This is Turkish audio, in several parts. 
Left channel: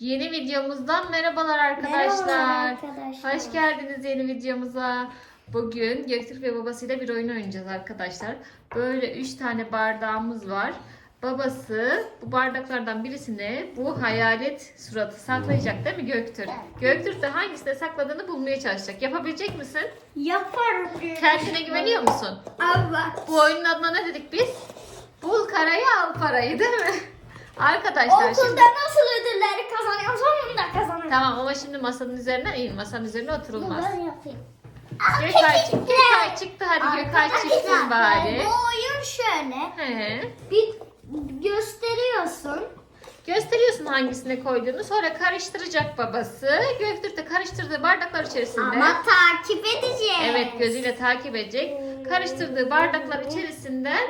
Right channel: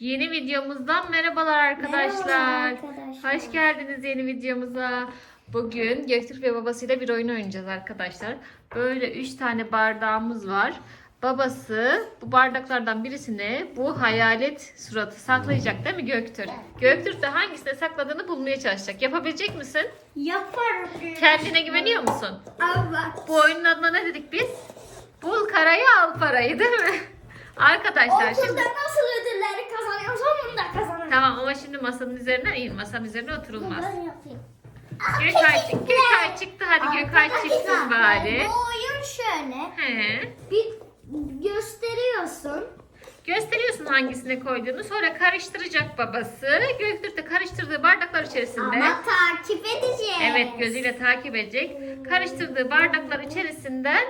Yeni videomuzdan merhabalar arkadaşlar. Merhabalar arkadaşlar. Hoş geldiniz yeni videomuza. Bugün Göktürk ve babasıyla bir oyun oynayacağız arkadaşlar. Böyle 3 tane bardağımız var. Babası bu bardaklardan birisine bu hayalet suratı saklayacak değil mi Göktürk? Göktürk de hangisine sakladığını bulmaya çalışacak. Yapabilecek misin? Yaparım. Kendine güveniyor musun? Evet. Bu oyunun adına ne dedik biz? Bul karayı al parayı değil mi? Arkadaşlar Okulda şimdi... nasıl ödülleri kazanıyorsam bunu da kazanırım. Tamam ama şimdi masanın üzerine değil. Masanın üzerine oturulmaz. Ben yapayım. Gökay çıktı. Gökay çıktı. Hadi Gökay çıksın bari. Bu oyun şöyle. He. Bir gösteriyorsun. Gösteriyorsun hangisine koyduğunu. Sonra karıştıracak babası. Göktürk de karıştırdığı bardaklar içerisinde. Ama takip edeceğiz. Evet gözüyle takip edecek. Karıştırdığı bardaklar içerisinden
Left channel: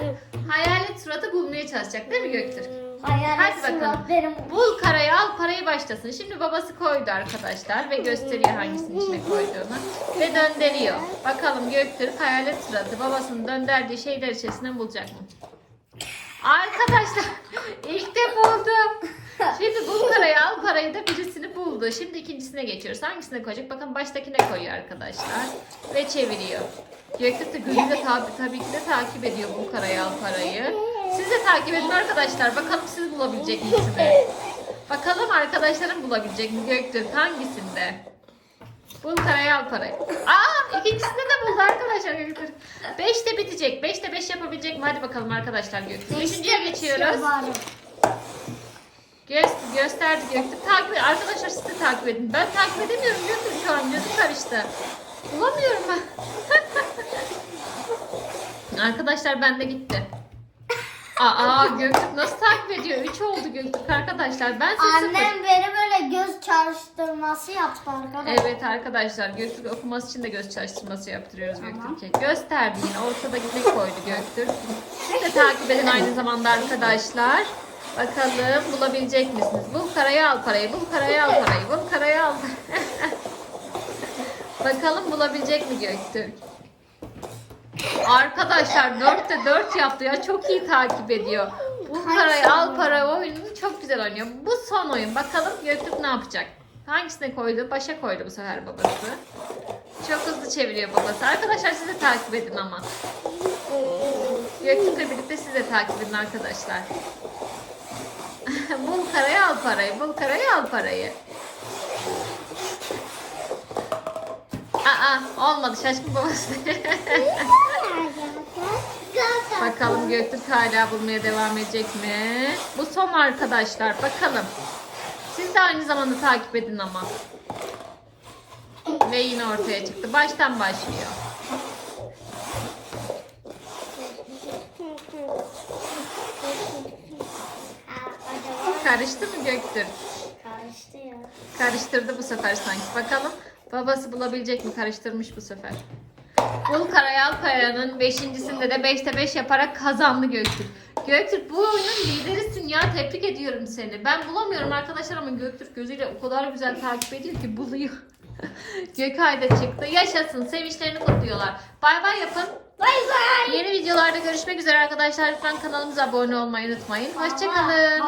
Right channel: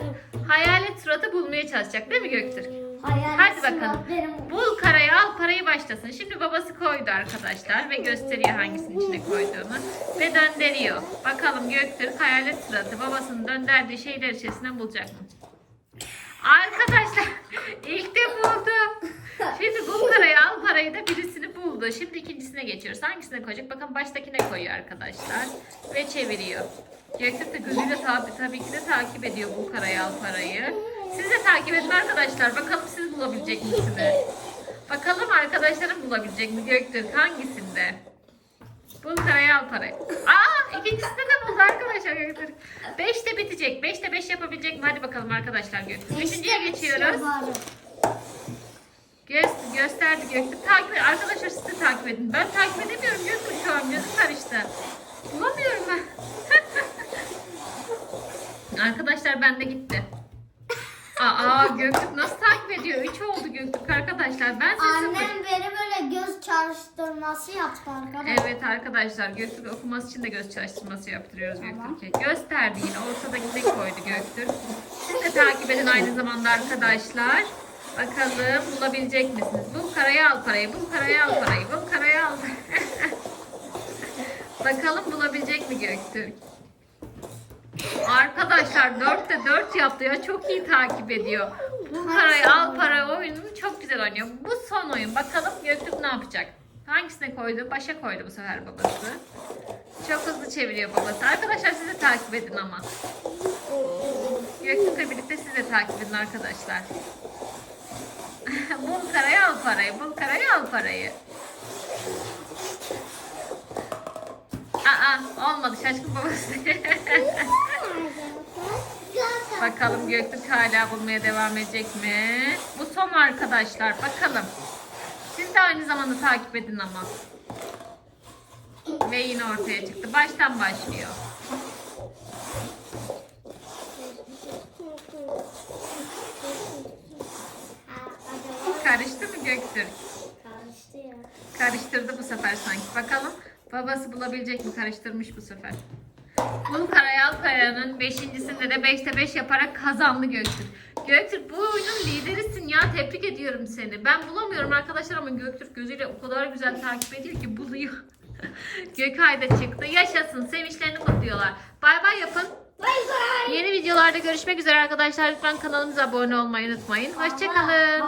hayalet suratı bulmaya çalışacak değil mi Göktürk? Hadi bakalım. Bul karayı al parayı başlasın. Şimdi babası koydu arkadaşlar ve gösteriyor hangisinin içine koyduğunu. Ve döndürüyor. Bakalım Göktürk hayalet suratı babasının döndürdüğü şeyler içerisinden bulacak mı? Arkadaşlar ilk de buldum. Şimdi bul parayı al parayı da birisini buldu. Şimdi ikincisine geçiyoruz. Hangisine koyacak? Bakın baştakine koyuyor arkadaşlar. Ve çeviriyor. Göktürk de gözüyle tabi, tabii ki de takip ediyor bu parayı al parayı. Siz de takip edin arkadaşlar. Bakalım siz bulabilecek misiniz? Bakalım arkadaşlarım bulabilecek mi Göktürk hangisinde? Bul parayı al parayı. Aa ikincisinde de buldu arkadaşlar Göktürk. Beşte bitecek. Beşte beş yapabilecek mi? Hadi bakalım arkadaşlar Göktürk. Beşinciye geçiyoruz. Göz, gösterdi Göktürk. Takip edin. Arkadaşlar siz de takip edin. Ben takip edemiyorum Göktürk şu an. Gözüm karıştı. Bulamıyorum ben. arkadaşlar bende gitti. Aa Göktürk nasıl takip ediyor? Üç oldu Göktürk arkadaşlar. Ben size sıfır. Annem beni böyle göz çalıştırması yaptı arkadaşlar. Evet arkadaşlar Göktürk okuması için de göz çalıştırması yaptırıyoruz Tamam. Göktürk'e. Gösterdi yine ortadaki ne koydu Göktürk. Siz de takip edin aynı zamanda arkadaşlar. Bakalım bulabilecek misiniz? Bul parayı al parayı, bul parayı al parayı, bul parayı al Bakalım bulabilecek mi Göktürk? Arkadaşlar dörtte dört yaptı ya çok iyi takip ediyor. Bu parayı al para oyununu çok güzel oynuyor. Bu son oyun. Bakalım Göktürk ne yapacak? Hangisine koydu? Başa koydu bu sefer babası. Çok hızlı çeviriyor babası. Arkadaşlar siz de takip edin ama. Göktürk'le birlikte siz de takip edin arkadaşlar. bul parayı al parayı. Bul parayı al parayı. Aa olmadı şaşkın babası. Bakalım Göktürk hala bulmaya devam edecek mi? Bu son arkadaşlar. Bakalım. Siz de aynı zamanda takip edin ama. Ve yine ortaya çıktı. Baştan başlıyor. Karıştı mı Göktürk? Karıştı ya. Karıştırdı bu sefer sanki. Bakalım babası bulabilecek mi? Karıştırmış bu sefer. Bul Karayal Kaya'nın beşincisinde de 5'te 5 yaparak kazandı Göktürk. Göktürk bu oyunun liderisin ya. Tebrik ediyorum seni. Ben bulamıyorum arkadaşlar ama Göktürk gözüyle o kadar güzel takip ediyor ki buluyor. Gökay da çıktı. Yaşasın. Sevinçlerini kutluyorlar. Bay bay yapın. Bay bay. Yeni videolarda görüşmek üzere arkadaşlar. Lütfen kanalımıza abone olmayı unutmayın. Hoşçakalın.